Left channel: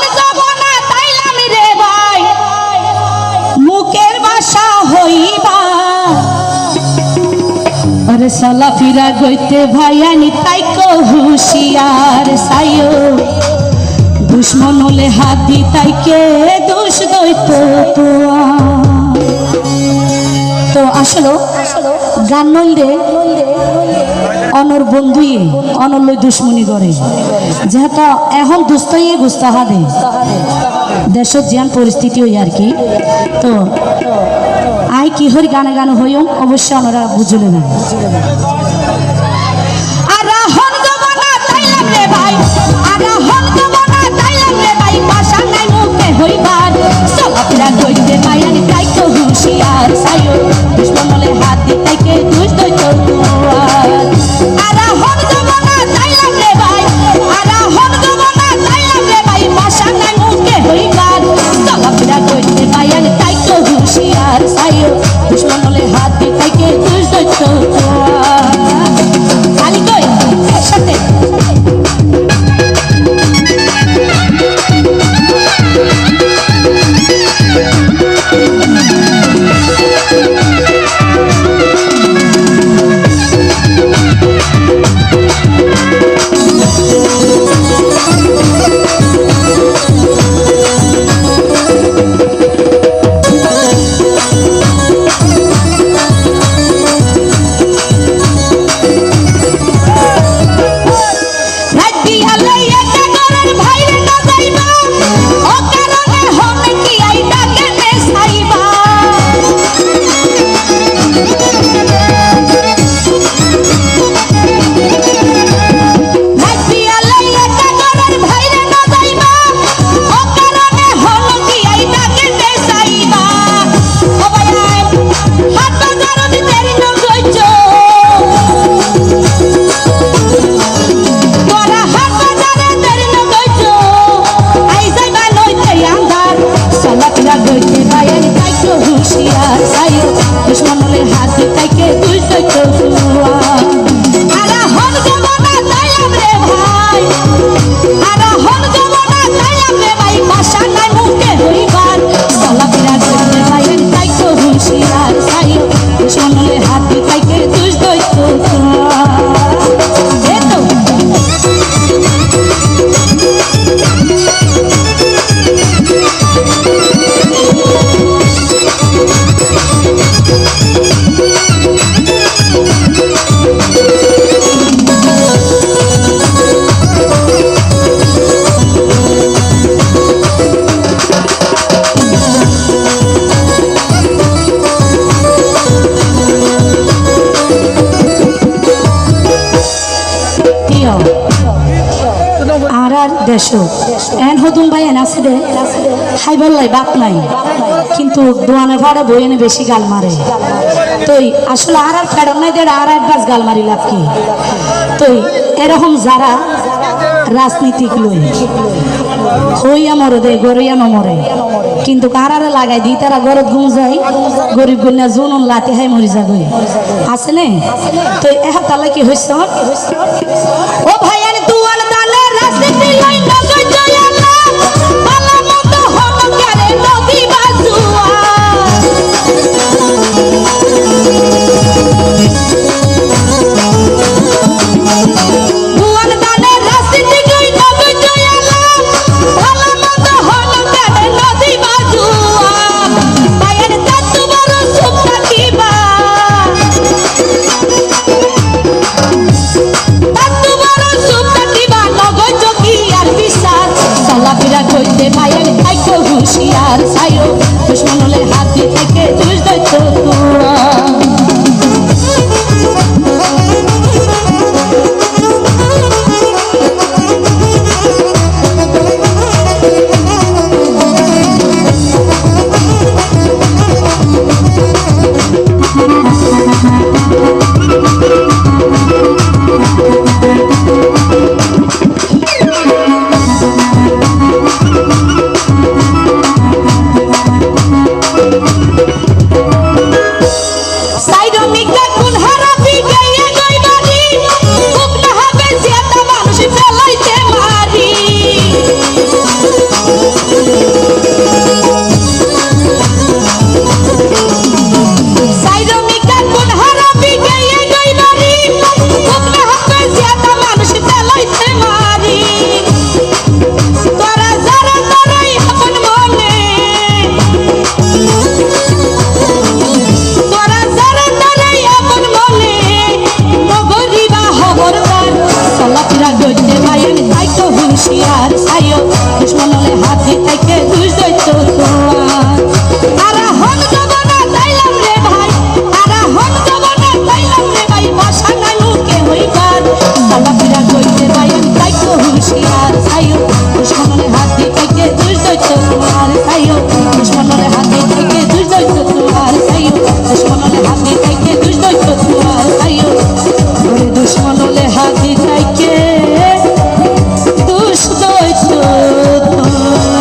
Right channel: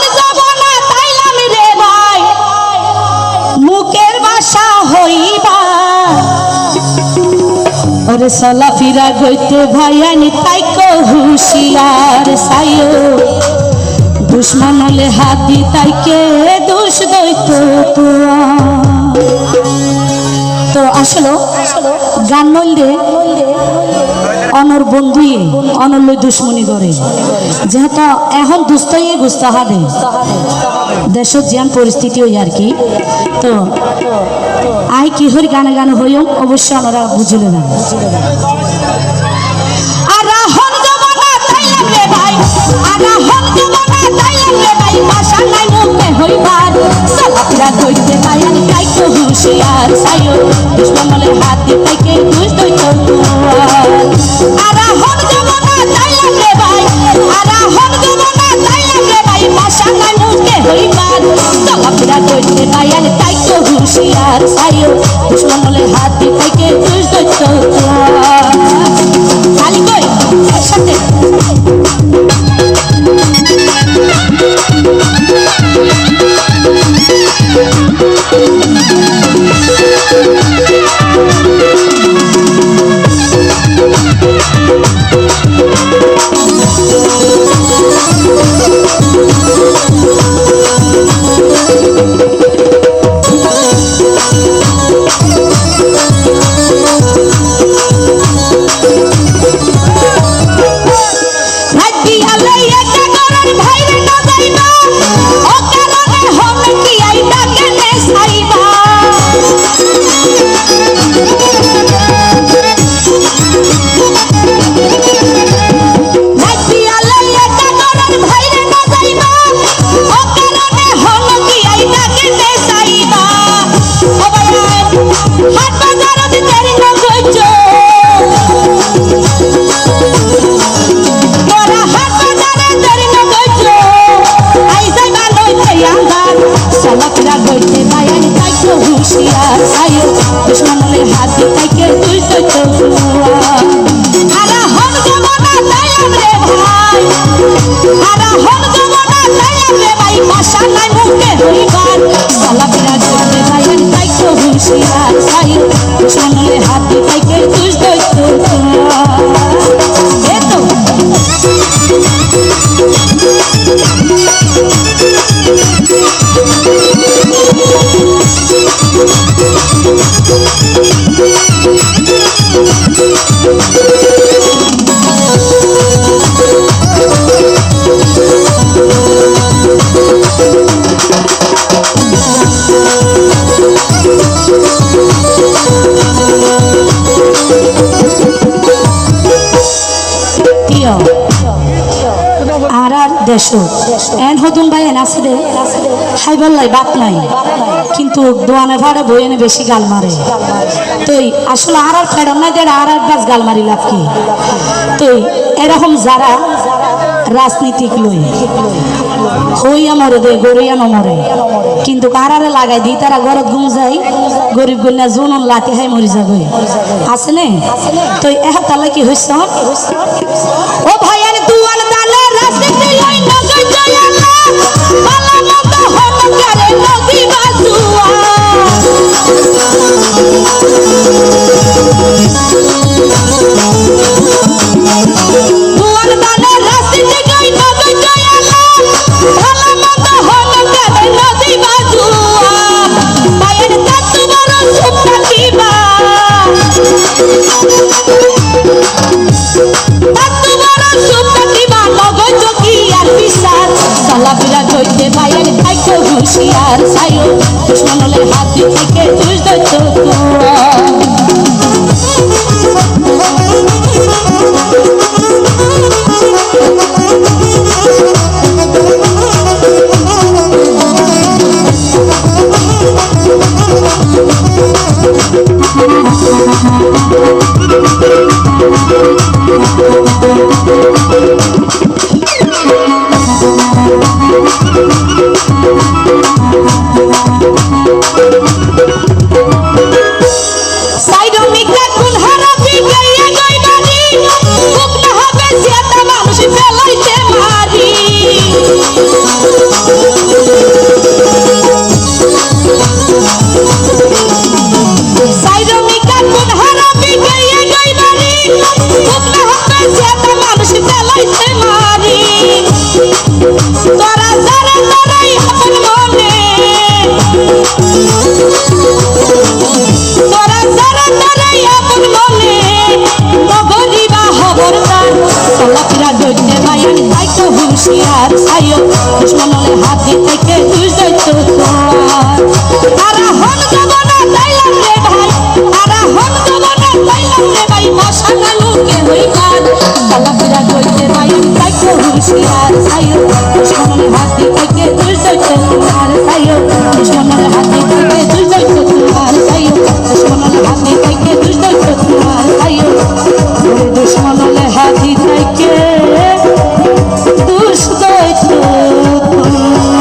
হন যাব না তাইলাম রে ভাই মুখের ভাষা হইবা ওরে সালা ফিরা গইতে ভাইয়ানি তাইকো হুশিয়ার সাইও দুশ্মন হলে হাত দি তাইকে দোষ দইতো তো আসলে গান নইলে অনর বন্ধুই অনর লই দুশ্মনী করে যেহেতু এখন দুস্তই গুস্তা হবে দেশত যেন পরিস্থিতি হই আর কি তো আই কি হরি গানে গানে হইম অবশ্যই ওনারা বুঝলে না এন হতুন ভাই এন আছে রে খাইবার লাই বাপ নাই কিন্তু দোয়ানে ভাড়া বই এনে বেশি গাল মারে তুই আসলে আর ফেরাম নাই দেড় আর একবার গাল মারি লাভ কি তুই এরকম যারা রাজনীতিক লই হইয়া মরে দে গড়িয়া মরে কিন্তু কারারে লাগাই দি তারা গরত গুম যায় গরিব গন্যা জুন লাতি হাই মরি যাবে আছে নে তো এখন তাহলে কি হইছ ও ভাই এনে দুয়ান দালে রাজনীতি লই না কই জয়ালা বালা মত হন করে নদী বাজুয়া হুশিয়ার সাইও দুশ্মন হলে হাত থেকে দুষ দইতো